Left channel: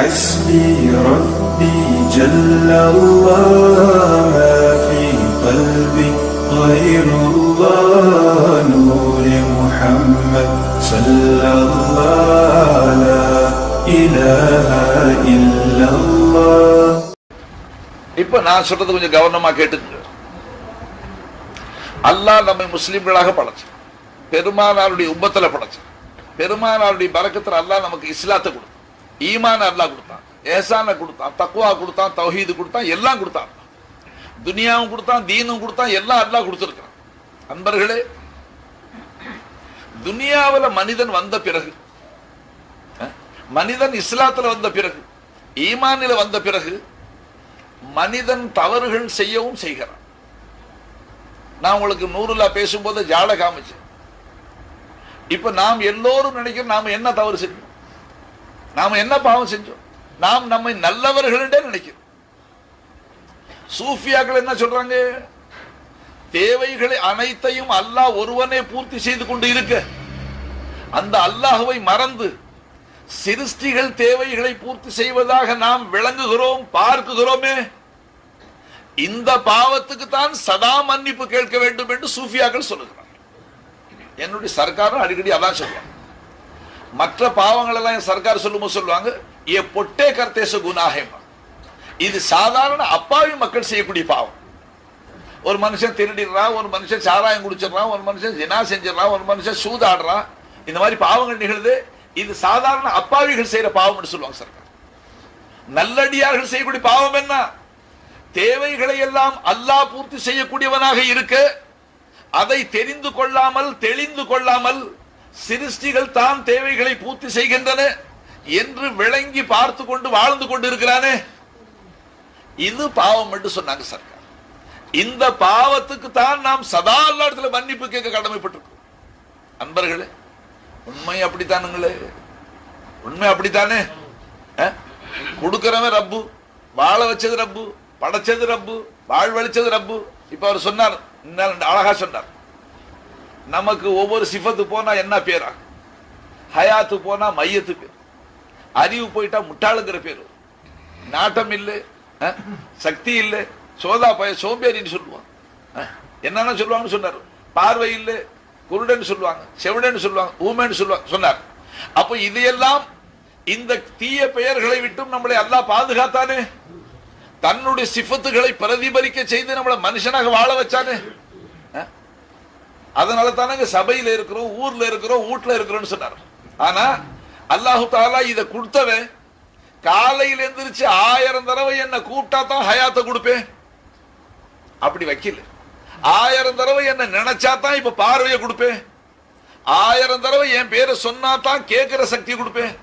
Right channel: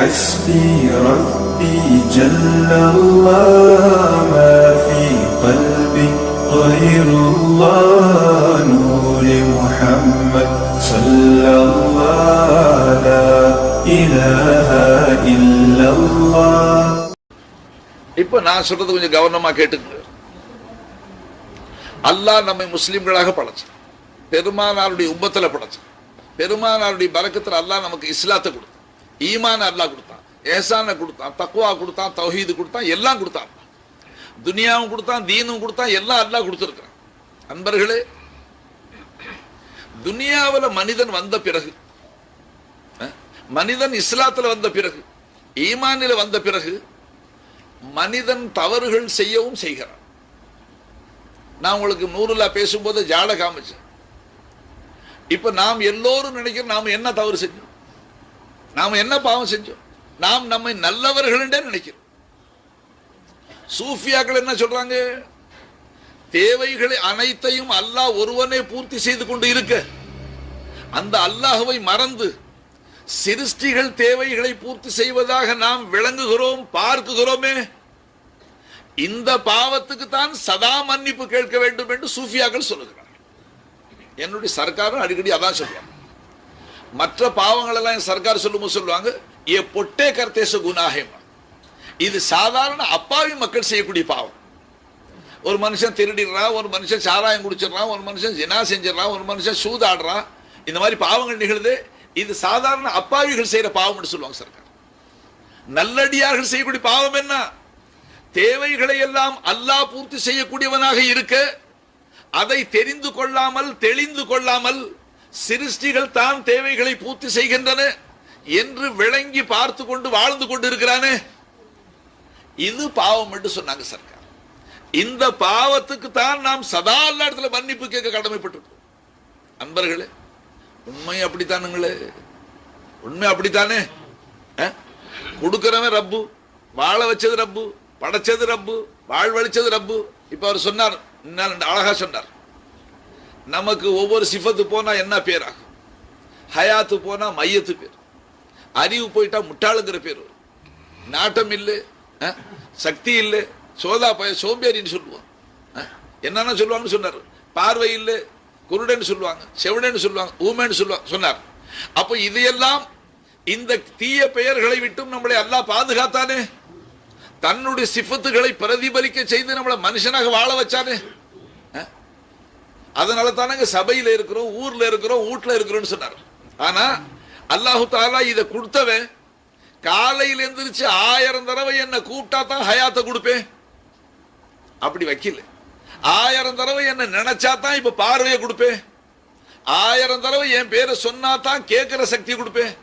حسبي ربي جل الله ما في قلبي غير الله نور محمد صلى الله لا إله إلا الله இப்ப நான் சொல்றது கொஞ்சம் கவனமா கேட்டுங்க அல்லாஹ் நம்மை முஸ்லிம்களாக படைச்சான் பெருமானாருடைய உம்மத்துல படைச்சான் பெருமானாருடைய பறக்கத்துல அல்லாஹ் நமக்கு இஸ்லாத்தை கொடுத்தான் ஈமான் அல்லா கொடுத்தான் ஏசான கொடுத்தான் தக்குவா கொடுத்தான் தௌஹீது கொடுத்தான் எல்லாம் கொடுத்தான். துனியாவும் கொடுத்தான் தீனும் கொடுத்தான் எல்லாம் அல்லா கொடுத்துருக்கான் அன்பர்களே துனியாவுல மனிதன் வந்த பிறகு அஹ், மனிதன் இஸ்லாத்துல வந்த பிறகு ஈமானில வந்த பிறகு மனிதன் தவறுகள் செய்யவும் செய்கிறான். நான் உங்களுக்கு நூறுலா பேசும்போது ஜாட காமிச்சேன். இப்ப நாம் எல்லோரும் நினைக்கிறோம் நாம என்ன தவறு செய்யணும் நாம என்ன பாவம் செஞ்சோம்? நாம் நம்மை நல்லவர்கள் நினைக்கிறோம். சூஃபியாக்கள் என்ன சொல்றாங்க? தேவைகளை அனைத்தையும் அல்லாஹ் ஒருவனே பூர்த்தி செய்து கொண்டு இருக்க. அந்த அல்லாஹுவை மறந்து சிருஷ்டிகள் தேவைகளை பூர்த்தி செய்வதாக நாம் விளங்குகிறோம் பார்க்குகிறோமே. இந்த பாவத்துக்கு தான் சதா மன்னிப்பு கேட்க வேண்டும் என்று சூஃபியாக்கள் சொல்லுகிறார் என்னுடைய சர்க்காரும் அடிக்கடி அதான் சொல்லுவாங்க. மற்ற பாவங்கள் எல்லாம் என் சர்க்கார் சொல்லும்போது சொல்லுவாங்க ஏ பொட்டே கர்த்தேச குணாகேமா இது சாதாரண அப்பாவி மக்கள் செய்யக்கூடிய பாவம். ஒரு மனுஷன் திருடிடுறான் ஒரு மனுஷன் சாராயம் குடிச்சிடுறான் ஒரு மனுஷன் ஜினா செஞ்சிடறான் ஒரு மனுஷன் சூதாடுறான். இந்த மாதிரி பாவங்கள் நிகழ்து. இது சாதாரண அப்பாவிகள் செய்யற பாவம்னு சொல்லுவாங்க சர்க்கார். நல்லடியார்கள் செய்யக்கூடிய பாவம் என்ன? தேவைகளை எல்லாம் அல்லாஹ் பூர்த்தி செய்யக்கூடியவனாக இருக்க அதை தெரிந்து கொள்ளாமல் தெளிந்து கொள்ளாமல் சிருஷ்டிகள் தான் தேவைகளை பூர்த்தி செய்கின்றன என்று விளங்கி பார்த்து கொண்டு வாழ்ந்து கொண்டு இருக்கிறானே இது பாவம் என்று சொன்னாங்க சர்க்கார். இந்த பாவத்துக்கு தான் நாம் சதா எல்லா இடத்துல மன்னிப்பு கேட்க கடமைப்பட்டிருக்கோம். அன்பர்களே உண்மை அப்படித்தானுங்களே? உண்மை அப்படித்தானே? கொடுக்கிறவன் ரப்பு வாழ வச்சது ரப்பு படைச்சது ரப்பு வாழ்வழிச்சது ரப்பு. இப்ப அவர் சொன்னார் அழகா சொன்னார். நமக்கு ஒவ்வொரு சிஃபத்து போனால் என்ன பேராகும்? ஹயாத்து போனால் மையத்து பேர். அறிவு போயிட்டா முட்டாளுங்கிற பேர் நாட்டம் இல்லை சக்தி இல்லை சோதா பய சோம்பேறின்னு சொல்லுவான் என்னென்ன சொல்லுவாங்கன்னு சொன்னார்? பார்வை இல்லை குருடன்னு சொல்லுவாங்க செவிடன்னு சொல்லுவாங்க ஊமைன்னு சொல்லுவாங்க சொன்னார். அப்போ இதையெல்லாம் இந்த தீய பெயர்களை விட்டும் நம்மளை அல்லா பாதுகாத்தானே? தன்னுடைய சிஃபத்துகளை பிரதிபலிக்க செய்து நம்மளை மனுஷனாக வாழ வச்சானே? அதனால தானங்க சபையில இருக்கிறோம் ஊர்ல இருக்கிறோம் வீட்டுல இருக்கிறோம்னு சொன்னார். ஆனா அல்லாஹு தாலா இதை கொடுத்தவன் காலையில் எந்திரிச்சு ஆயிரம் தடவை என்ன கூப்பிட்டா தான் ஹயாத்தை கொடுப்பேன். அப்படி வைக்கல. ஆயிரம் தடவை என்ன நினைச்சா தான் இப்ப பார்வையை கொடுப்பேன். ஆயிரம் தடவை என் பேரை சொன்னா தான் கேட்கிற சக்தி கொடுப்பேன்.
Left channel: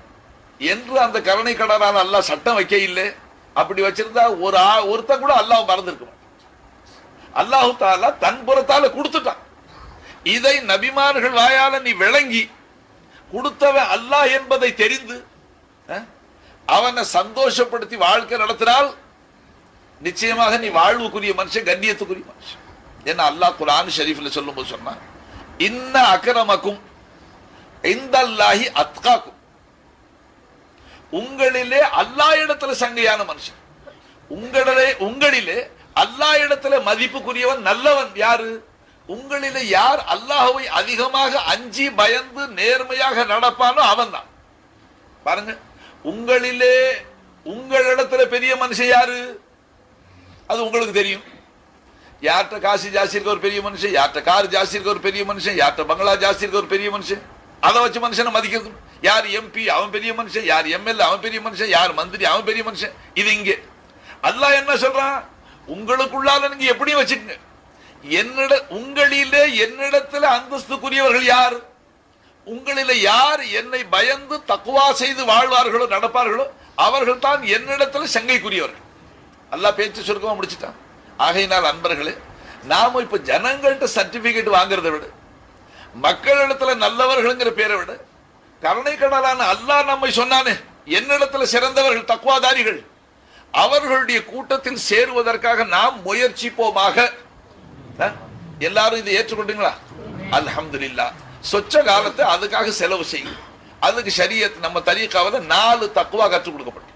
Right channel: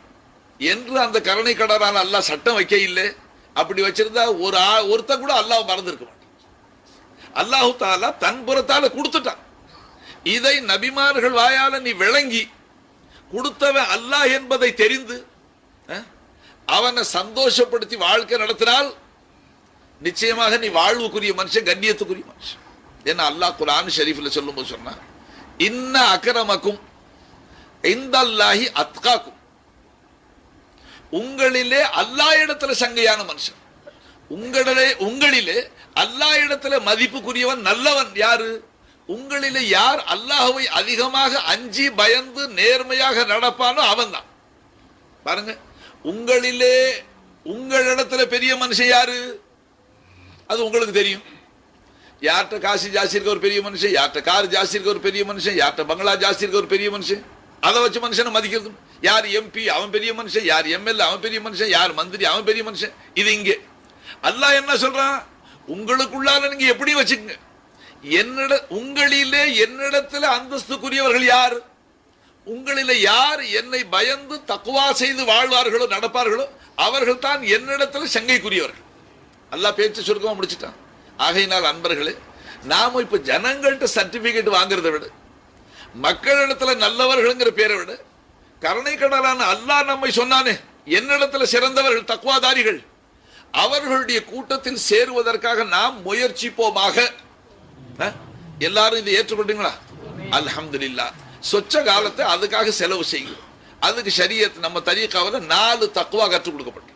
என்று அந்த கருணை கடனால் அல்லாஹ் சட்டம் வைக்க இல்லை. அப்படி வச்சிருந்தா ஒரு ஆ- ஒருத்தன் கூட அல்லாஹ் மறந்துருக்க மாட்டான். அல்லாஹு தாலா தன் புறத்தால கொடுத்துட்டான். இதை நபிமார்கள் வாயால நீ விளங்கி கொடுத்தவன் அல்லாஹ் என்பதை தெரிந்து அவனை சந்தோஷப்படுத்தி வாழ்க்கை நடத்தினால் நிச்சயமாக நீ வாழ்வுக்குரிய மனுஷன் கண்ணியத்துக்குரிய மனுஷன். என்ன அல்லாஹ் குரான் ஷெரீஃபில் சொல்லும்போது சொன்னா இன்ன அக்கரமக்கும் இந்தல்லாஹி அத்காக்கும். உங்களிலே அல்லாஹ் இடத்துல சங்கையான மனுஷன். உங்களிலே உங்களிலே அல்லா இடத்துல மதிப்புக்குரியவன் நல்லவன் யாரு? உங்களிலே யார் அல்லாஹுவை அதிகமாக அஞ்சி பயந்து நேர்மையாக நடப்பானோ அவன்தான். பாருங்க உங்களிலே உங்களிடத்துல பெரிய மனுஷன் யாரு? அது உங்களுக்கு தெரியும். யார்கிட்ட காசு ஜாஸ்தி இருக்க ஒரு பெரிய மனுஷன் யார்கிட்ட கார் ஜாஸ்தி இருக்க ஒரு பெரிய மனுஷன் யார்கிட்ட பங்களா ஜாஸ்தி இருக்க ஒரு பெரிய மனுஷன்? அதை வச்சு மனுஷனை மதிக்கிறது யார் எம்பி அவன் பெரிய மனுஷன் யார் எம்எல்ஏ அவன் பெரிய மனுஷன் யார் மந்திரி அவன் பெரிய மனுஷன்? இது இங்கே. அல்லாஹ் என்ன சொல்றான்? உங்களுக்குள்ளால நீங்க எப்படி வச்சுக்கங்க. என்னிட உங்களிலே என்னிடத்தில் அந்தஸ்துக்குரியவர்கள் யார்? உங்களில் யார் என்னை பயந்து தக்குவா செய்து வாழ்வார்களோ நடப்பார்களோ அவர்கள் தான் என்னிடத்தில் சங்கைக்குரியவர்கள். அல்லாஹ் பேச்சு சுருக்கமாக முடிச்சுட்டான். ஆகையினால் அன்பர்களே நாம இப்ப ஜனங்கள்கிட்ட சர்டிபிகேட் வாங்குறத விட மக்களிடத்துல நல்லவர்கள்ங்கிற பேரை விட கருணை கடலான அல்லா நம்மை சொன்னானே என்னிடத்துல சிறந்தவர்கள் தக்குவாதாரிகள் அவர்களுடைய கூட்டத்தில் சேருவதற்காக நாம் முயற்சிப்போமாக எல்லாரும் இதை ஏற்றுக்கொண்டீங்களா? அல்ஹம்துலில்லா. சொச்ச காலத்தை அதுக்காக செலவு செய்யும். அதுக்கு ஷரியத் நம்ம தரீக்காவில் நாலு தக்குவா கற்றுக் கொடுக்கப்படும்.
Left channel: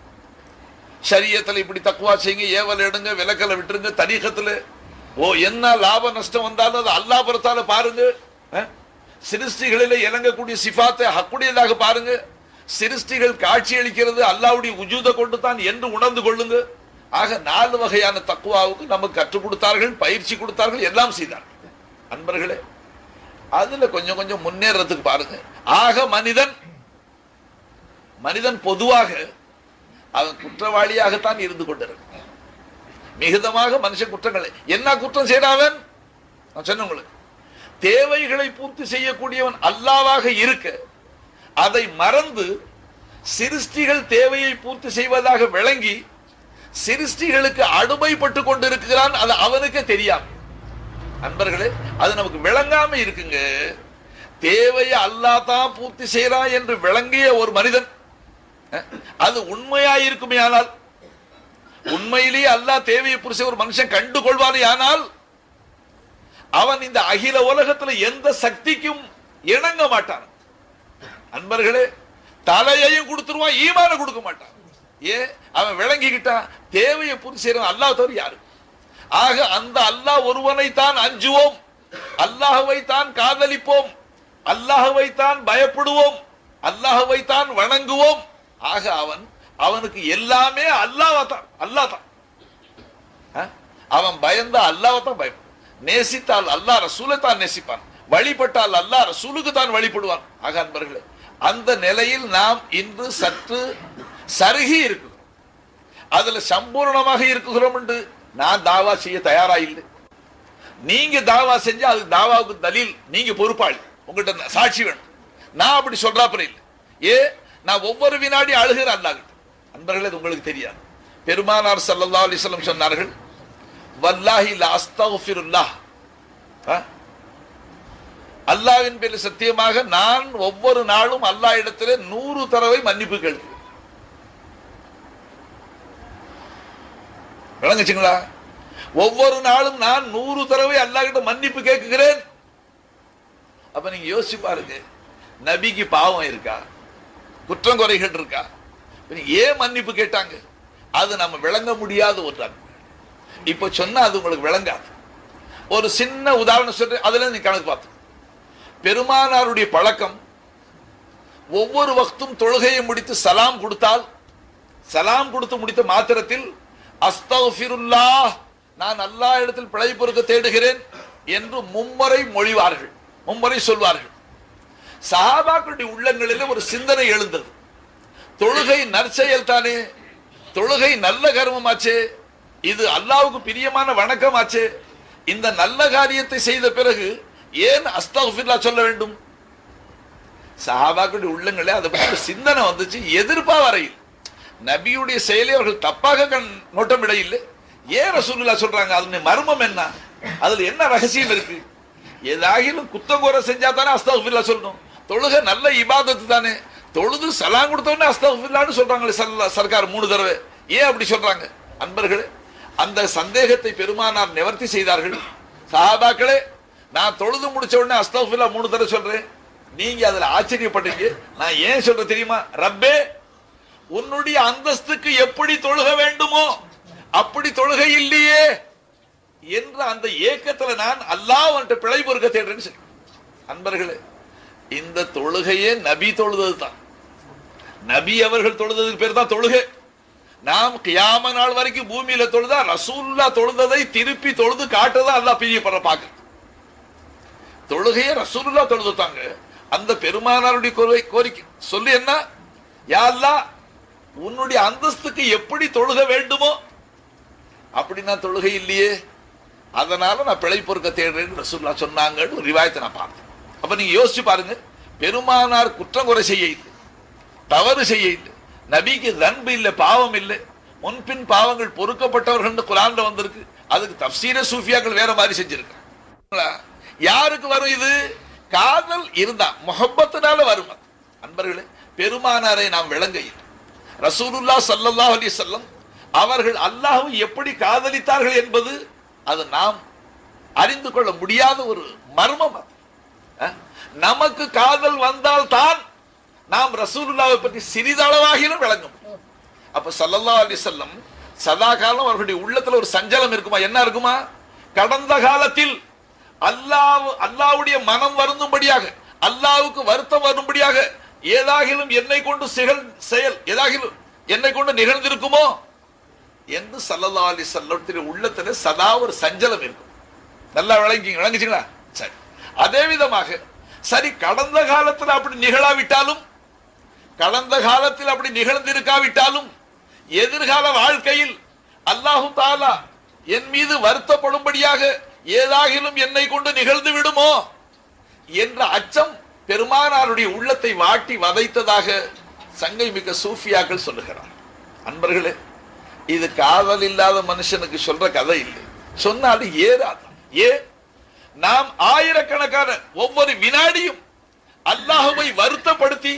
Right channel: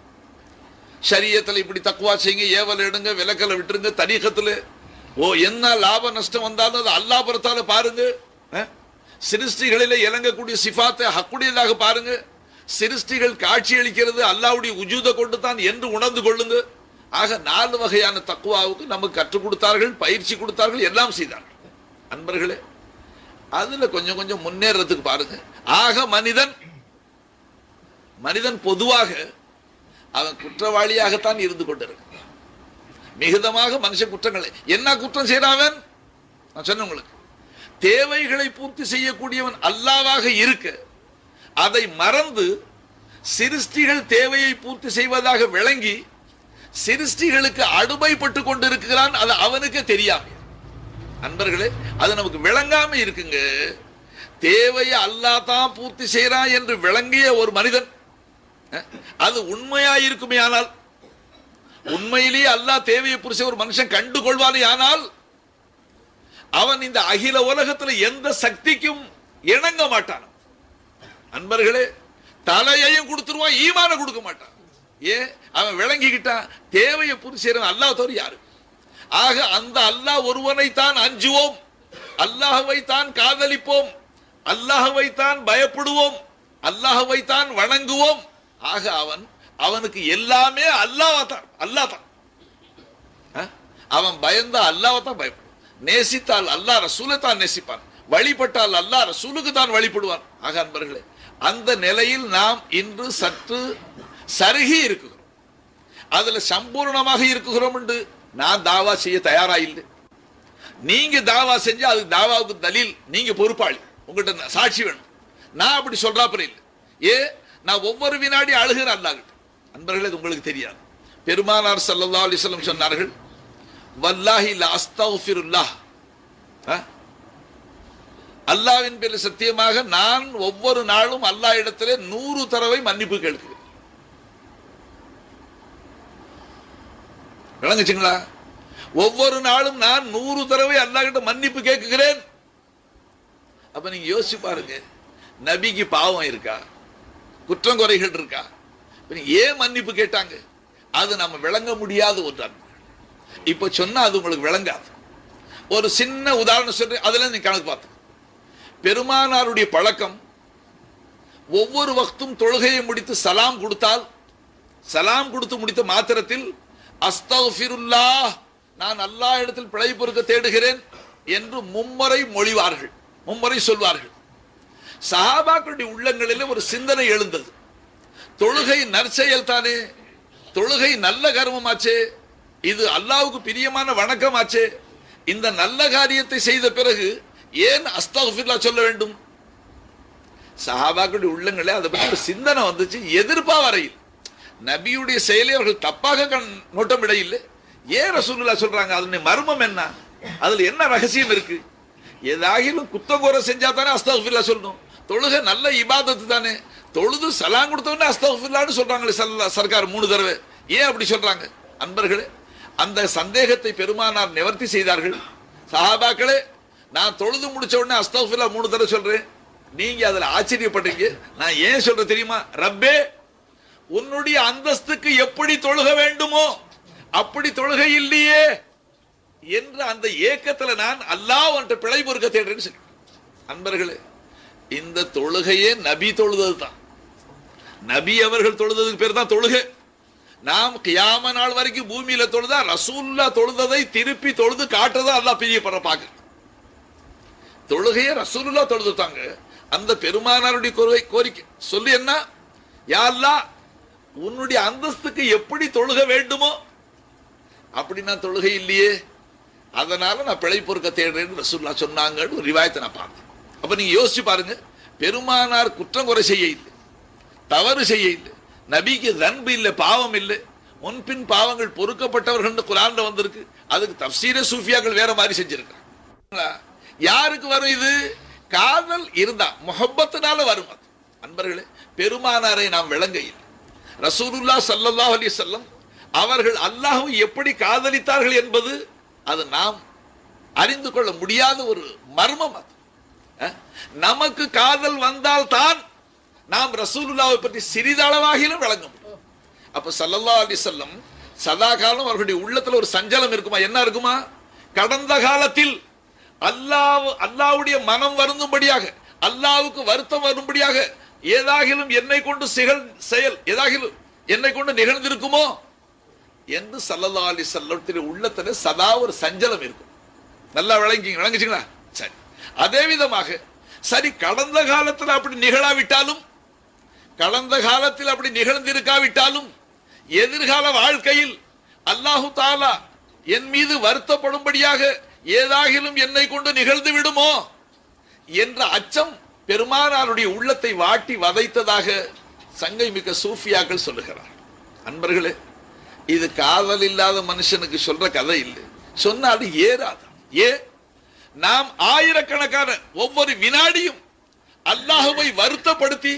சரியத்தில் இப்படி தக்குவா செய்யுங்க ஏவல் எடுங்க விலக்கலை விட்டுருங்க தரீகத்தில். ஓ என்ன லாப நஷ்டம் வந்தாலும் அது அல்லா புறத்தால பாருங்க. சிருஷ்டிகளில் இறங்கக்கூடிய சிஃபாத்தை ஹக்குடையதாக பாருங்க. சிருஷ்டிகள் காட்சி அளிக்கிறது அல்லாவுடைய உஜூதை கொண்டு தான் என்று உணர்ந்து கொள்ளுங்க. ஆக நாலு வகையான தக்குவாவுக்கு நமக்கு கற்றுக் கொடுத்தார்கள் பயிற்சி கொடுத்தார்கள் எல்லாம் செய்தார்கள். அன்பர்களே அதுல கொஞ்சம் கொஞ்சம் முன்னேறதுக்கு பாருங்க. ஆக மனிதன் மனிதன் பொதுவாக அவன் குற்றவாளியாகத்தான் இருந்து கொண்டிருக்கிறான். மிகுதமாக மனுஷன் குற்றங்களை என்ன குற்றம் செய்யறாவன் நான் சொன்ன உங்களுக்கு. தேவைகளை பூர்த்தி செய்யக்கூடியவன் அல்லாவாக இருக்க அதை மறந்து சிருஷ்டிகள் தேவையை பூர்த்தி செய்வதாக விளங்கி சிருஷ்டிகளுக்கு அடுமைப்பட்டு கொண்டிருக்கிறான் அது அவனுக்கே தெரியாம அன்பர்களே அது நமக்கு விளங்காம இருக்குங்க. தேவையை அல்லாஹ் தான் பூர்த்தி செய்யறான் என்று விளங்கிய ஒரு மனிதன். அது உண்மையா இருக்குமே ஆனால் உண்மையிலேயே அல்லாஹ் தேவையை புரிச ஒரு மனுஷன் கண்டு கொள்வானே ஆனால் அவன் இந்த அகில உலகத்துல எந்த சக்திக்கும் இணங்க மாட்டான். அன்பர்களே தலையையும் கொடுத்துருவான் ஈமான கொடுக்க மாட்டான். ஏன் அவன் விளங்கிக்கிட்டான். தேவையை பூர்த்தி செய்யறவன் அல்லாஹ் தவிர யாரு? ஆக அந்த அல்லாஹ் ஒருவனை தான் அஞ்சுவோம். அல்லாஹவை தான் காதலிப்போம். அல்லாஹவை தான் பயப்படுவோம். அல்லாஹவை தான் வணங்குவோம். ஆக அவன் அவனுக்கு எல்லாமே அல்லாஹ் தான் அல்லாஹ் தான் அவன் பயந்தா அல்லாஹ் தான் பயப்படுவான். நேசித்தால் அல்லாஹ் ரசூலை தான் நேசிப்பான். வழிபட்டால் அல்லாஹ் ரசூலுக்கு தான் வழிபடுவான். ஆக அன்பர்களே அந்த நிலையில் நாம் இன்று சற்று சருகி இருக்கிறோம் அதுல சம்பூர்ணமாக இருக்குகிறோம் என்று நான் தாவா செய்ய தயாரா இல்லை நீங்க தாவா செஞ்சா அது தாவாவுக்கு தலீல் நீங்க பொறுப்பாளி. உங்கள்கிட்ட சாட்சி வேணும். நான் அப்படி சொல்றாப்புல இல்லை. ஏ நான் ஒவ்வொரு வினாடி அழுகிற அல்லாஹ் அன்பர்களே இது உங்களுக்கு தெரியாது. பெருமானார் சல்லா அலைஹி வஸல்லம் சொன்னார்கள் வல்லாஹி லா அல்லாவின் ஆ? அல்லாஹ்வின் பேரில் சத்தியமாக நான் ஒவ்வொரு நாளும் அல்லாஹ் இடத்திலே நூறு தடவை மன்னிப்பு கேட்கிறேன். விளங்குச்சுங்களா? ஒவ்வொரு நாளும் நான் நூறு தடவை அல்லாஹ் கிட்ட மன்னிப்பு கேட்குகிறேன். அப்ப நீங்க யோசிச்சு பாருங்க நபிக்கு பாவம் இருக்கா? குற்றம் குறைகள் இருக்கா? ஏன் மன்னிப்பு கேட்டாங்க? அது நம்ம விளங்க முடியாத ஒரு அன்பு இப்ப சொன்னா அது உங்களுக்கு விளங்காது. ஒரு சின்ன உதாரணம் சொல்றேன் அதுல நீ கணக்கு பார்த்து பெருமானாருடைய பழக்கம் ஒவ்வொரு வக்தும் தொழுகையை முடித்து சலாம் கொடுத்தால் சலாம் கொடுத்து முடித்த மாத்திரத்தில் அஸ்தகுல்லாஹ் நான் அல்லா இடத்தில் பிழை பொறுக்க தேடுகிறேன் என்று மும்முறை மொழிவார்கள். மும்முறை சொல்வார்கள். சஹாபாக்களுடைய உள்ளங்களிலே ஒரு சிந்தனை எழுந்தது. தொழுகை நற்செயல் தானே? தொழுகை நல்ல கர்மமாச்சே? இது அல்லாவுக்கு பிரியமான வணக்கமாச்சே? இந்த நல்ல காரியத்தை செய்த பிறகு ஏன் அஸ்தகுல்லா சொல்ல வேண்டும்? சஹாபாக்களுடைய உள்ளங்களே அதை பற்றி சிந்தனை வந்துச்சு எதிர்ப்பா வரையில் நபியுடைய செயலை அவர்கள் தப்பாக கண் நோட்டமிட இல்லை ஏன் ரசூலுல்லா சொல்றாங்க? அதனுடைய மர்மம் என்ன? அதுல என்ன ரகசியம் இருக்கு? ஏதாகிலும் குத்தம் குறை செஞ்சா தானே அஸ்தாஃபில்லா சொல்லணும். தொழுகை நல்ல இபாதத்து தானே. தொழுது சலாம் கொடுத்தோடனே அஸ்தாஃபில்லான்னு சொல்றாங்களே சல்லா சர்க்கார் மூணு தடவை. ஏன் அப்படி சொல்றாங்க? அன்பர்களே அந்த சந்தேகத்தை பெருமானார் நிவர்த்தி செய்தார்கள். சஹாபாக்களே நான் தொழுது முடிச்ச உடனே அஸ்தாஃபில்லா மூணு தடவை சொல்றேன். நீங்க அதுல ஆச்சரியப்படுறீங்க நான் ஏன் சொல்றேன் தெரியுமா? ரப்பே உன்னுடைய அந்தஸ்துக்கு எப்படி தொழுக வேண்டுமோ அப்படி தொழுகை இல்லையே என்ற அந்த ஏக்கத்துல நான் அல்லாஹ் அவன்கிட்ட பிழை பொறுக்க தேடுறேன்னு அன்பர்களே இந்த தொழுகையே நபி தொழுதது தான் நபி அவர்கள் தொழுததுக்கு பேர் தான் தொழுகை. நாம் கியாம நாள் வரைக்கும் பூமியில தொழுதா ரசூல்லா தொழுததை திருப்பி தொழுது காட்டுறதா அல்லாஹ் பிரியப்படுற பாக்கு. தொழுகையை ரசூல்லா தொழுதுட்டாங்க. அந்த பெருமானாருடைய கோரிக்கை கோரிக்கை. சொல்லி என்ன? யா உன்னுடைய அந்தஸ்துக்கு எப்படி தொழுக வேண்டுமோ அப்படி நான் தொழுகை இல்லையே. அதனால நான் பிழை பொறுக்க தேடுறேன்னு ரசூல்லா சொன்னாங்கன்னு ஒரு ரிவாயத்தை நான் பார்த்தேன். அப்ப நீங்க யோசிச்சு பாருங்க பெருமானார் குற்றம் குறை செய்ய இல்லை தவறு செய்ய இல்லை நபிக்கு தன்பு இல்லை பாவம் இல்லை முன்பின் பாவங்கள் பொறுக்கப்பட்டவர்கள் குரான்ல வந்திருக்கு அதுக்கு தப்சீர சூஃபியாக்கள் வேற மாதிரி செஞ்சிருக்காங்க யாருக்கு வரும் இது? காதல் இருந்தா முகப்பத்தினால வரும் அது. அன்பர்களே பெருமானாரை நாம் விளங்க இல்லை. ரசூலுல்லா சல்லல்லாஹ் அலி சொல்லம் அவர்கள் அல்லாஹும் எப்படி காதலித்தார்கள் என்பது அது நாம் அறிந்து கொள்ள முடியாத ஒரு மர்மம் அது. நமக்கு காதல் வந்தால் தான் நாம் ரசூலுல்லாவை பற்றி சிறிதளவாகிலும் விளங்க முடியும். அப்ப சல்லல்லா அலி வஸல்லம் சதா காலம் அவர்களுடைய உள்ளத்துல ஒரு சஞ்சலம் இருக்குமா? என்ன இருக்குமா? கடந்த காலத்தில் அல்லாஹ் அல்லாவுடைய மனம் வருந்தும்படியாக அல்லாவுக்கு வருத்தம் வரும்படியாக ஏதாகிலும் என்னை கொண்டு சிகழ் செயல் ஏதாகிலும் என்னை கொண்டு நிகழ்ந்திருக்குமோ? என்று சல்லதாலி அலைஹி உள்ளத்தில் உள்ளத்துல சதா ஒரு சஞ்சலம் இருக்கும். நல்லா விளங்கிங்க விளங்குச்சிங்களா? சரி. அதே விதமாக சரி கடந்த காலத்தில் அப்படி நிகழாவிட்டாலும் கடந்த காலத்தில் அப்படி நிகழ்ந்திருக்காவிட்டாலும் எதிர்கால வாழ்க்கையில் அல்லாஹு தாலா என் மீது வருத்தப்படும்படியாக ஏதாகிலும் என்னை கொண்டு நிகழ்ந்து விடுமோ? என்ற அச்சம் பெருமானாருடைய உள்ளத்தை வாட்டி வதைத்ததாக சங்கை மிக்க சூஃபியாக்கள் சொல்லுகிறார். அன்பர்களே இது காதல் இல்லாத மனுஷனுக்கு சொல்ற கதை இல்லை. சொன்னாலும் ஏறாது. ஏ நாம் ஆயிரக்கணக்கான ஒவ்வொரு வினாடியும் அல்லாஹுவை வருத்தப்படுத்தி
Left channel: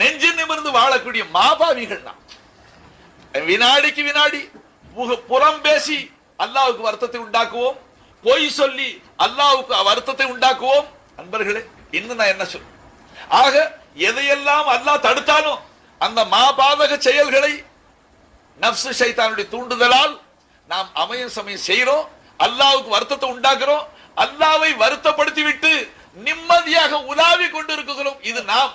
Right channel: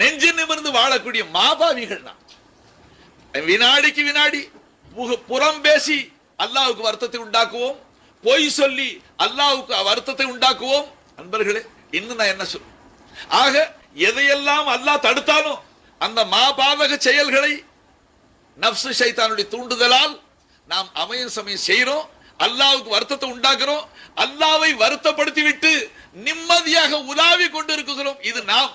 நெஞ்சு நிமிர்ந்து வாழக்கூடிய மாபாவிகள் தான். வினாடிக்கு வினாடி புறம் பேசி அல்லாவுக்கு வருத்தத்தை உண்டாக்குவோம். பொய் சொல்லி அல்லாவுக்கு வருத்தத்தை உண்டாக்குவோம். அன்பர்களே இன்னும் நான் என்ன சொல் ஆக எதையெல்லாம் அல்லாஹ் தடுத்தாலும் அந்த மாபாதக செயல்களை நப்சு சைத்தானுடைய தூண்டுதலால் நாம் அமையும் சமயம் செய்கிறோம் அல்லாவுக்கு வருத்தத்தை உண்டாக்குறோம் அல்லாவை வருத்தப்படுத்தி விட்டு நிம்மதியாக உலாவி கொண்டு இருக்கிறோம் இது நாம்.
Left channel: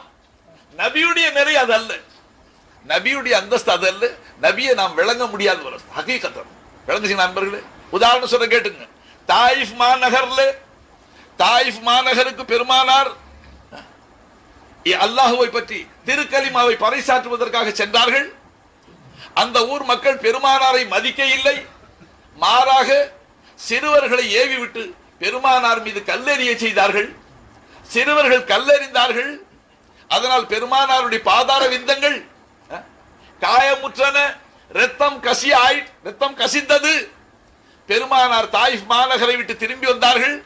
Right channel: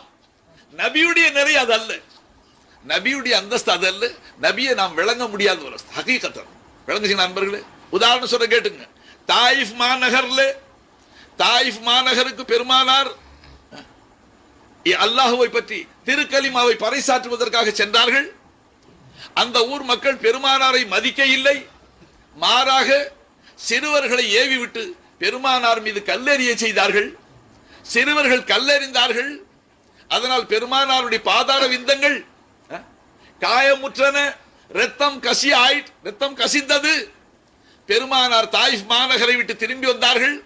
நபியுடைய நிறை அது அல்ல. நபியுடைய அந்தஸ்து அது அல்ல. நபியை நாம் விளங்க முடியாத ஒரு ஹகீகத்தம் விளங்குச்சு நண்பர்களே? உதாரணம் சொல்ல கேட்டுங்க. தாயிஃப் மாநகர்ல தாயிஃப் மாநகருக்கு பெருமானார் அல்லாஹுவை பற்றி திருக்கலிமாவை பறைசாற்றுவதற்காக சென்றார்கள். அந்த ஊர் மக்கள் பெருமானாரை மதிக்க இல்லை மாறாக சிறுவர்களை ஏவிவிட்டு பெருமானார் மீது கல்லெறிய செய்தார்கள். சிறுவர்கள் கல்லெறிந்தார்கள். அதனால் பெருமானாருடைய பாதார விந்தங்கள் காயமுற்றன ரத்தம் கசி ஆயிட் ரத்தம் கசிந்தது. பெருமானார் தாயிஃப் மாநகரை விட்டு திரும்பி வந்தார்கள்.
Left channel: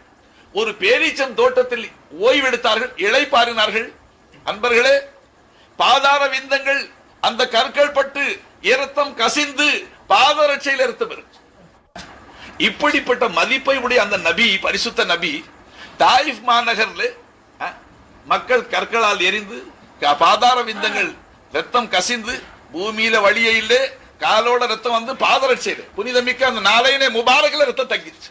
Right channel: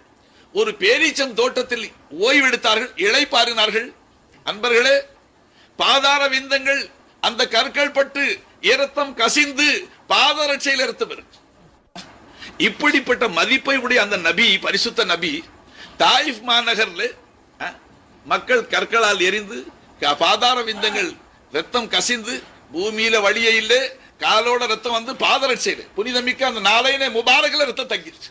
ஒரு பேரீச்சம் தோட்டத்தில் ஓய்வெடுத்தார்கள் இளைப்பாறினார்கள். அன்பர்களே பாதார விந்தங்கள் அந்த கற்கள் பட்டு இரத்தம் கசிந்து பாதரட்சையில் இரத்தம் இருக்கு இப்படிப்பட்ட மதிப்பை உடைய அந்த நபி பரிசுத்த நபி தாயிஃப் மாநகர்ல மக்கள் கற்களால் எரிந்து பாதார விந்தங்கள் ரத்தம் கசிந்து பூமியில வழியே இல்லை காலோட ரத்தம் வந்து பாதரட்சையில. புனிதமிக்க அந்த நாளையிலே முபாரக்ல ரத்தம் தங்கிருச்சு.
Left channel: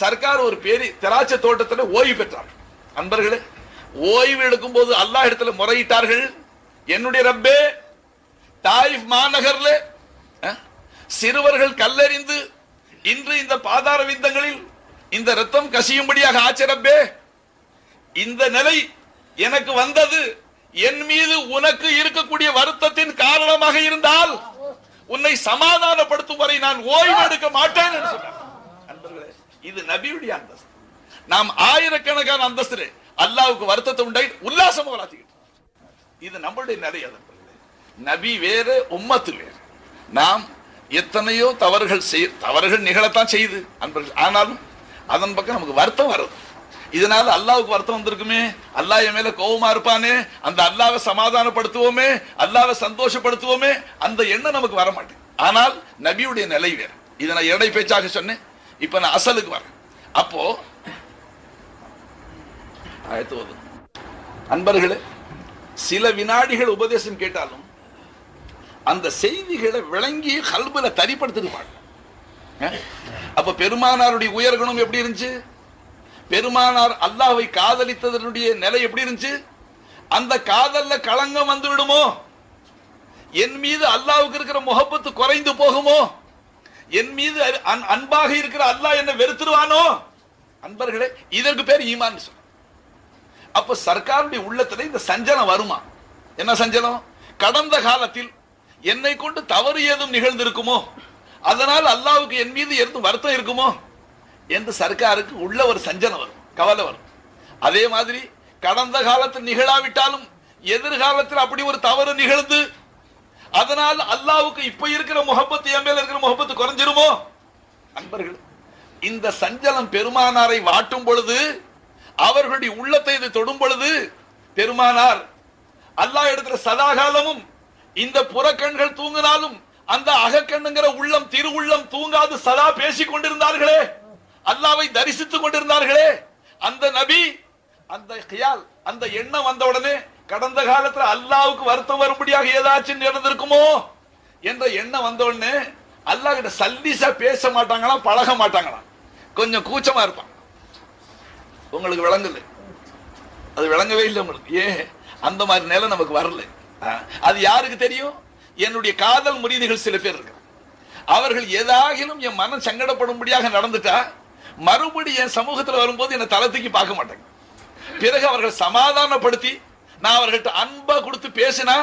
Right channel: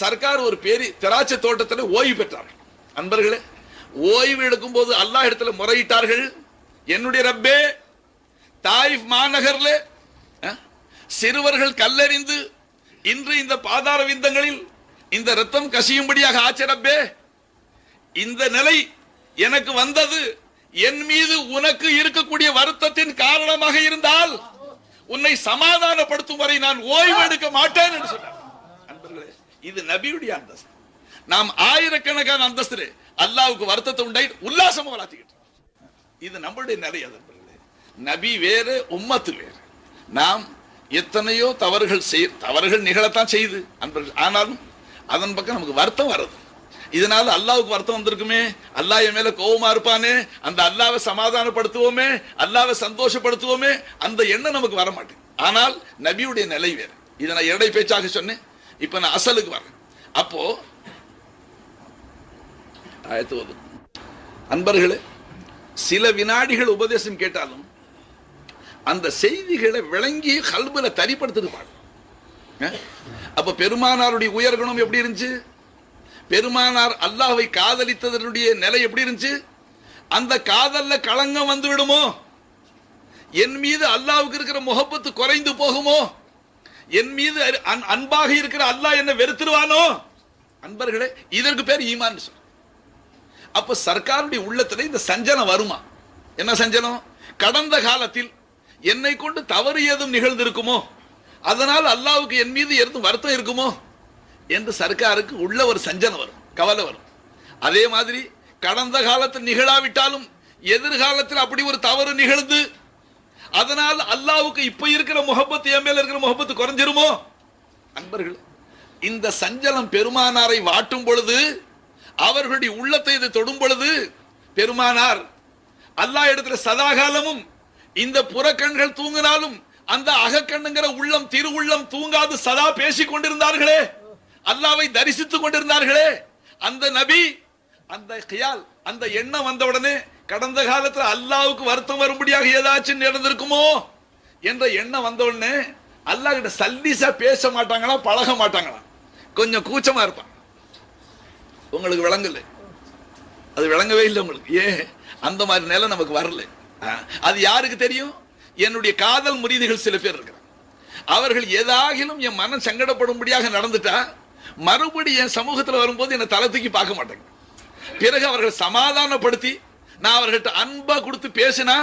சர்க்கார் ஒரு பேரி திராட்சை தோட்டத்தில் ஓய்வு பெற்றார்கள் அன்பர்களே ஓய்வு எடுக்கும் போது அல்லாஹ் இடத்துல முறையிட்டார்கள். என்னுடைய ரப்பே தாயிஃப் மாநகர்ல சிறுவர்கள் கல்லறிந்து இன்று இந்த பாதார விந்தங்களில் இந்த ரத்தம் கசியும்படியாக ஆச்சரப்பே இந்த நிலை எனக்கு வந்தது என் மீது உனக்கு இருக்கக்கூடிய வருத்தத்தின் காரணமாக இருந்தால் உன்னை சமாதானப்படுத்தும் வரை நான் ஓய்வு எடுக்க மாட்டேன் என்று சொன்னார். அன்பர்களே, இது நபியுடைய அந்தஸ்து. நாம் ஆயிரக்கணக்கான அந்தஸ்து அல்லாவுக்கு வருத்தத்தை உண்டாய் உல்லாசமா வளர்த்துக்கிட்டோம். இது நம்மளுடைய நிலை நபி வேறு உம்மத்து வேறு. நாம் எத்தனையோ தவறுகள் செய் தவறுகள் நிகழத்தான் செய்யுது அன்பர்கள். ஆனாலும் அதன் பக்கம் நமக்கு வருத்தம் வருது இதனால அல்லாவுக்கு வருத்தம் வந்திருக்குமே. அல்லாஹ் என் மேல கோபமா இருப்பானே. அந்த அல்லாவை சமாதானப்படுத்துவோமே. அல்லாவை சந்தோஷப்படுத்துவோமே. அந்த எண்ணம் நமக்கு வர மாட்டேன் ஆனால் நபியுடைய நிலை வேறு. இதை நான் இடை பேச்சாக சொன்னேன். இப்ப நான் அசலுக்கு வரேன். அப்போ ஆயத்து அன்பர்களே சில வினாடிகள் உபதேசம் கேட்டாலும் அந்த செய்திகளை விளங்கி கல்புல தரிப்படுத்திருப்பாங்க அப்ப பெருமானாருடைய உயர்கணம் எப்படி இருந்துச்சு? பெருமானார் அல்லாவை காதலித்ததனுடைய நிலை எப்படி இருந்துச்சு? அந்த காதல்ல களங்கம் வந்து விடுமோ என் மீது அல்லாவுக்கு இருக்கிற முகப்பத்து குறைந்து போகுமோ? என் மீது அன்பாக இருக்கிற அல்லாஹ் என்ன வெறுத்துருவானோ? அன்பர்களே இதற்கு பேர் ஈமான் சொல்றோம். அப்ப சர்க்காருடைய உள்ளத்துல இந்த சஞ்சலம் வருமா? என்ன சஞ்சலம்? கடந்த காலத்தில் என்னை கொண்டு தவறு ஏதும் நிகழ்ந்திருக்குமோ? அதனால் அல்லாவுக்கு என் மீது எதுவும் வருத்தம் இருக்குமோ? என்று சர்க்காருக்கு உள்ள ஒரு சஞ்சலம் வரும் கவலை வரும். அதே மாதிரி கடந்த காலத்தில் நிகழாவிட்டாலும் எதிர்காலத்தில் அப்படி ஒரு தவறு நிகழ்ந்து அதனால் அல்லாவுக்கு இப்ப இருக்கிற முகப்பத்து என் மேல இருக்கிற முகப்பத்து குறைஞ்சிருமோ? நண்பர்கள் இந்த சஞ்சலம் பெருமானாரை வாட்டும் பொழுது அவர்களுடைய உள்ளத்தை இது தொடும் பொழுது பெருமானார் அல்லாஹ் இடத்துல சதாகாலமும் இந்த புறக்கண்கள் தூங்கினாலும் அந்த அகக்கண்ணுங்கிற உள்ளம் திரு உள்ளம் தூங்காது சதா பேசிக் கொண்டிருந்தார்களே. அல்லாவை தரிசித்துக் கொண்டிருந்தார்களே. அந்த நபி அந்த கியால் அந்த எண்ணம் வந்த உடனே கடந்த காலத்துல அல்லாவுக்கு வருத்தம் வரும்படியாக ஏதாச்சும் நடந்திருக்குமோ என்ற எண்ணம் வந்த உடனே அல்லாஹ் கிட்ட சல்லிசா பேச மாட்டாங்களாம் பழக மாட்டாங்களாம் கொஞ்சம் கூச்சமா இருப்பான். உங்களுக்கு விளங்கல? அது விளங்கவே இல்லை உங்களுக்கு. ஏ அந்த மாதிரி நிலை நமக்கு வரல. அது யாருக்கு தெரியும்? என்னுடைய காதல் முறிதிகள் சில பேர் இருக்காங்க. அவர்கள் ஏதாகிலும் என் மனம் சங்கடப்படும்படியாக நடந்துட்டா மறுபடி என் சமூகத்துல வரும்போது என்னை தளத்துக்கு தூக்கி பார்க்க மாட்டாங்க. பிறகு அவர்கள் சமாதானப்படுத்தி நான் அவர்கள்ட்ட அன்பா கொடுத்து பேசினா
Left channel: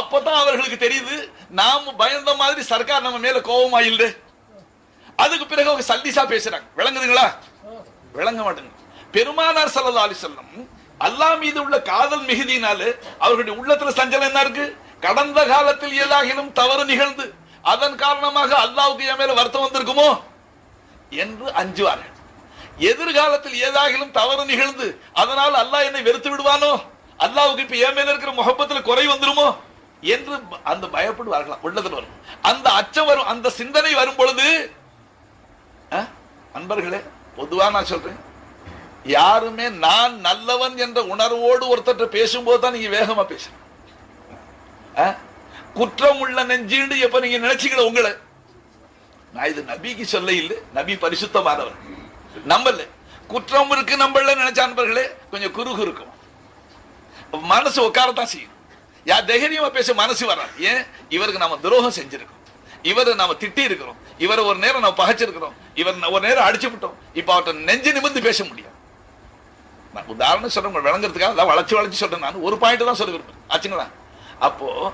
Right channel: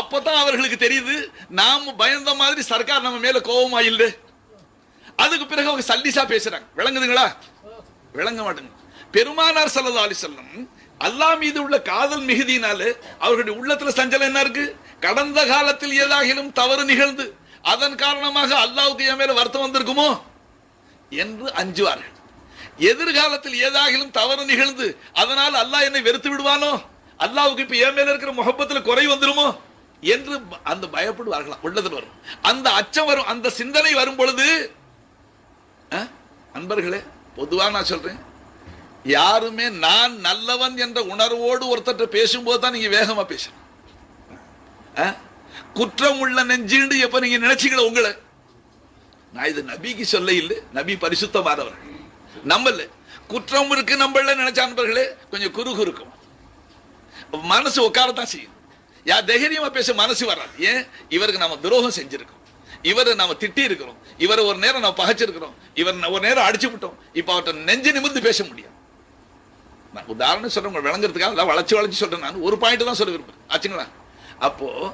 அப்பதான் அவர்களுக்கு தெரியுது நாம பயந்த மாதிரி சர்க்கார் நம்ம மேல கோபமா இல்லை. அதுக்கு பிறகு அவங்க சல்லிசா பேசுறாங்க. விளங்குதுங்களா? விளங்க மாட்டேங்க. பெருமானார் ஸல்லல்லாஹு அலி செல்லம் அல்லாஹ் மீது உள்ள காதல் மிகுதியினால அவர்களுடைய உள்ளத்துல சஞ்சலம் என்ன இருக்கு? கடந்த காலத்தில் ஏதாகிலும் தவறு நிகழ்ந்து அதன் காரணமாக அல்லாவுக்கு என் மேல வருத்தம் வந்திருக்குமோ? என்று அஞ்சுவார்கள். எதிர்காலத்தில் ஏதாகிலும் தவறு நிகழ்ந்து அதனால் அல்லாஹ் என்னை வெறுத்து விடுவானோ? அல்லாவுக்கு இப்ப என் மேல இருக்கிற முகப்பத்துல குறை வந்துருமோ? என்று அந்த அந்த வரலாம். உள்ளத்தில் வரும். அந்த அச்சம் வரும். அந்த சிந்தனை வரும் பொழுது அன்பர்களே பொதுவா நான் சொல்றேன். யாருமே நான் நல்லவன் என்ற உணர்வோடு ஒருத்தர் பேசும்போது தான் நீங்க வேகமா பேசணும். குற்றம் உள்ள நெஞ்சுண்டு எப்ப நீங்க நினைச்சீங்கள உங்களை? நான் இது நபிக்கு சொல்ல இல்லை நபி பரிசுத்தமானவர். நம்மள. குற்றம் இருக்கு நம்மள நினைச்ச அன்பர்களே கொஞ்சம் குறுகு இருக்கும். மனசு உட்காரத்தான் செய்யும். யா தைரியமா பேச மனசு வராது. ஏன்? இவருக்கு நாம துரோகம் செஞ்சிருக்கோம். இவரை நாம திட்டி இருக்கிறோம் இவரை ஒரு நேரம் நம்ம பகைச்சிருக்கிறோம். இவர் ஒரு நேரம் அடிச்சு விட்டோம். இப்ப அவர்கிட்ட நெஞ்சு நிமிர்ந்து பேச முடியும் நான் உதாரணம் சொல்றேன் விளங்குறதுக்காக எல்லாம் வளர்ச்சி சொல்றேன் நான். ஒரு பாயிண்ட் தான் சொல்ல விரும்புறேன் ஆச்சுங்களா? அப்போ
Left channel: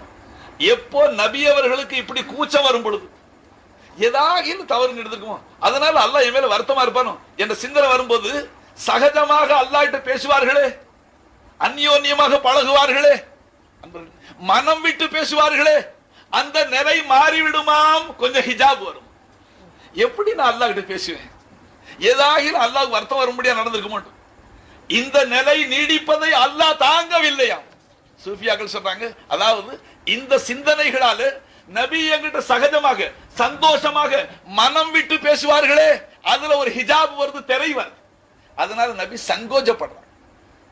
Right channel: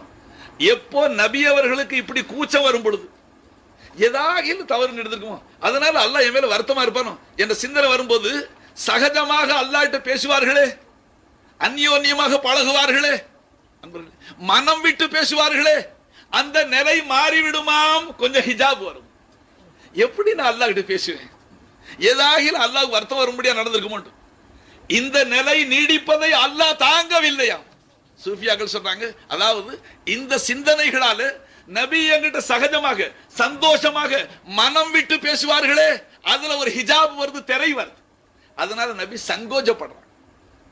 எப்போ நபி அவர்களுக்கு இப்படி கூச்சம் வரும் பொழுது ஏதாவது தவறு நடந்திருக்குமோ அதனால அல்லாஹ் என் மேல வருத்தமா இருப்பானோ? என்ற சிந்தனை வரும்போது சகஜமாக அல்லாட்ட பேசுவார்களே அந்யோன்யமாக பழகுவார்களே. மனம் விட்டு பேசுவார்களே. அந்த நிலை மாறிவிடுமாம். கொஞ்சம் ஹிஜாப் வரும். எப்படி நான் அல்லாஹ் கிட்ட பேசுவேன்? ஏதாகிலும் அல்லாஹ் வருத்தம் வரும்படியா நடந்திருக்க மாட்டோம். இந்த நிலை நீடிப்பதை அல்லாஹ் தாங்கவில்லையாம். சூஃபியாக்கள் சொல்றாங்க அதாவது இந்த சிந்தனைகளால நபி எங்கிட்ட சகஜமாக சந்தோஷமாக மனம் விட்டு பேசுவார்களே. அதுல ஒரு ஹிஜாப் வருது திரை வருது. அதனால நபி சங்கோஜப்படுறான்.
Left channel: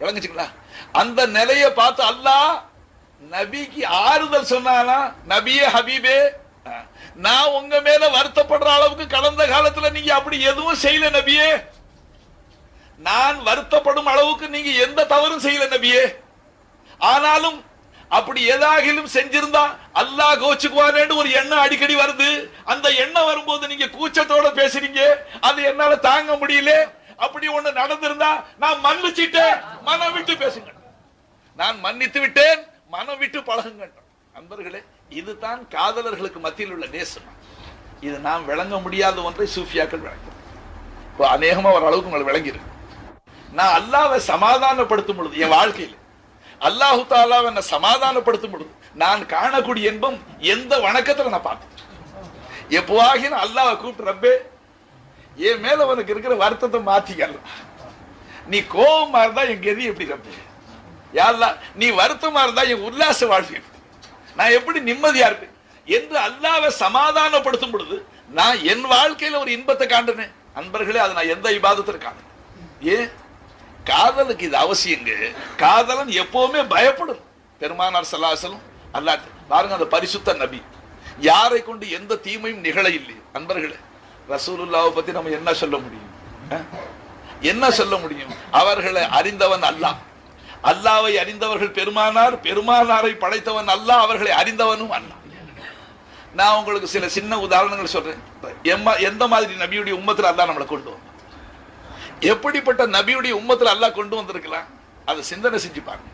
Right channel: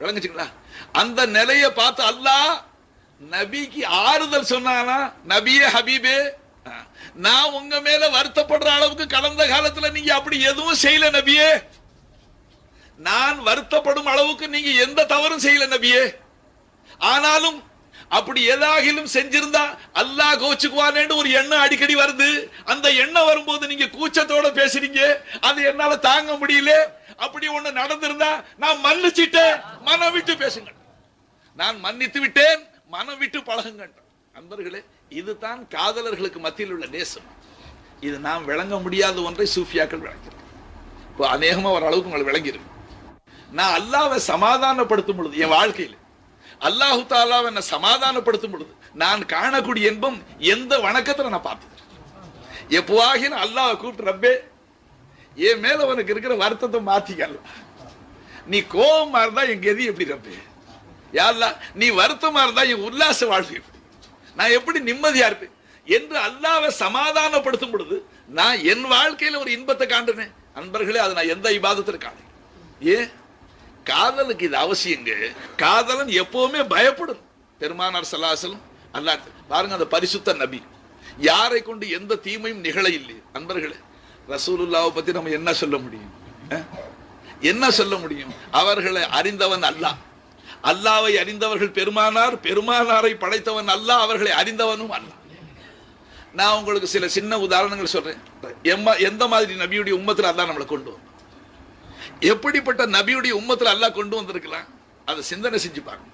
விளங்குச்சுங்களா? அந்த நிலையை பார்த்து அல்லாஹ் நபிக்கு ஆறுதல் சொன்னானா? நபியே ஹபீபே நான் உங்க மேல வருத்தப்படுற அளவுக்கு கடந்த காலத்துல நீங்க அப்படி எதுவும் செய்யல நபியே. நான் வருத்தப்படும் அளவுக்கு நீங்க எந்த தவறும் செய்யல நபியே. ஆனாலும் அப்படி ஏதாகிலும் செஞ்சிருந்தா அல்லாஹ் கோச்சுக்குவானேன்னு ஒரு எண்ணம் அடிக்கடி வருது. அந்த எண்ணம் வரும்போது நீங்க கூச்சத்தோட பேசுறீங்க. அது என்னால தாங்க முடியல. அப்படி ஒண்ணு நடந்திருந்தா நான் மன்னிச்சிட்டேன். மனம் விட்டு பேசுங்க நான் மன்னித்து விட்டேன். மனம் விட்டு பழகுங்க அன்பர்களே இதுதான் காதலர்களுக்கு மத்தியில் உள்ள நேசம். இது நான் விளங்க முடியாத ஒன்றை சூஃபியாக்கள் விளங்கிறது இப்போ அநேகமா ஓரளவுக்கு உங்களை விளங்கிருக்கு நான் அல்லாவை சமாதானப்படுத்தும் பொழுது என் வாழ்க்கையில் அல்லாஹு தாலாவை என்னை சமாதானப்படுத்தும் பொழுது நான் காணக்கூடிய இன்பம் எந்த வணக்கத்துல நான் பார்த்தேன் எப்போவாகிலும் அல்லாஹ் கூப்பிட்டு ரப்பே என் மேல உனக்கு இருக்கிற வருத்தத்தை மாத்திக்கலாம். நீ கோபமா இருந்தா என் கதி எப்படி ரப்பே யாருலா நீ வருத்தமா இருந்தா என் உல்லாச வாழ்வு நான் எப்படி நிம்மதியா இருப்பேன்? என்று அல்லாவை சமாதானப்படுத்தும் பொழுது நான் என் வாழ்க்கையில ஒரு இன்பத்தை காண்டுனேன் அன்பர்களே அதை நான் எந்த இபாதத்தில் காணேன்? ஏன்? காதலுக்கு இது அவசியங்க. காதலன் எப்பவுமே பயப்படும். பெருமானார் சல்லாசலும் அல்லாஹ் பாருங்க அந்த பரிசுத்த நபி. யாரை கொண்டு எந்த தீமையும் நிகழ இல்லை அன்பர்களே ரசூலுல்லாவை பத்தி நம்ம என்ன சொல்ல முடியும்? என்ன சொல்ல முடியும்? அவர்களை அறிந்தவன் அல்லாஹ். அல்லாவை அறிந்தவர்கள் பெருமானார் பெருமானாரை படைத்தவன் அல்லாஹ் அவர்களை அறிந்தவனும் அல்லாஹ். நான் உங்களுக்கு சில சின்ன உதாரணங்கள் சொல்றேன். எம்மா எந்த மாதிரி நபியுடைய உம்மத்தில் அல்லாஹ் நம்மளை கொண்டு வந்தான்? எப்படிப்பட்ட நபியுடைய உம்மத்தில் அல்லாஹ் கொண்டு வந்திருக்கலாம்? அதை சிந்தனை செஞ்சு பாருங்க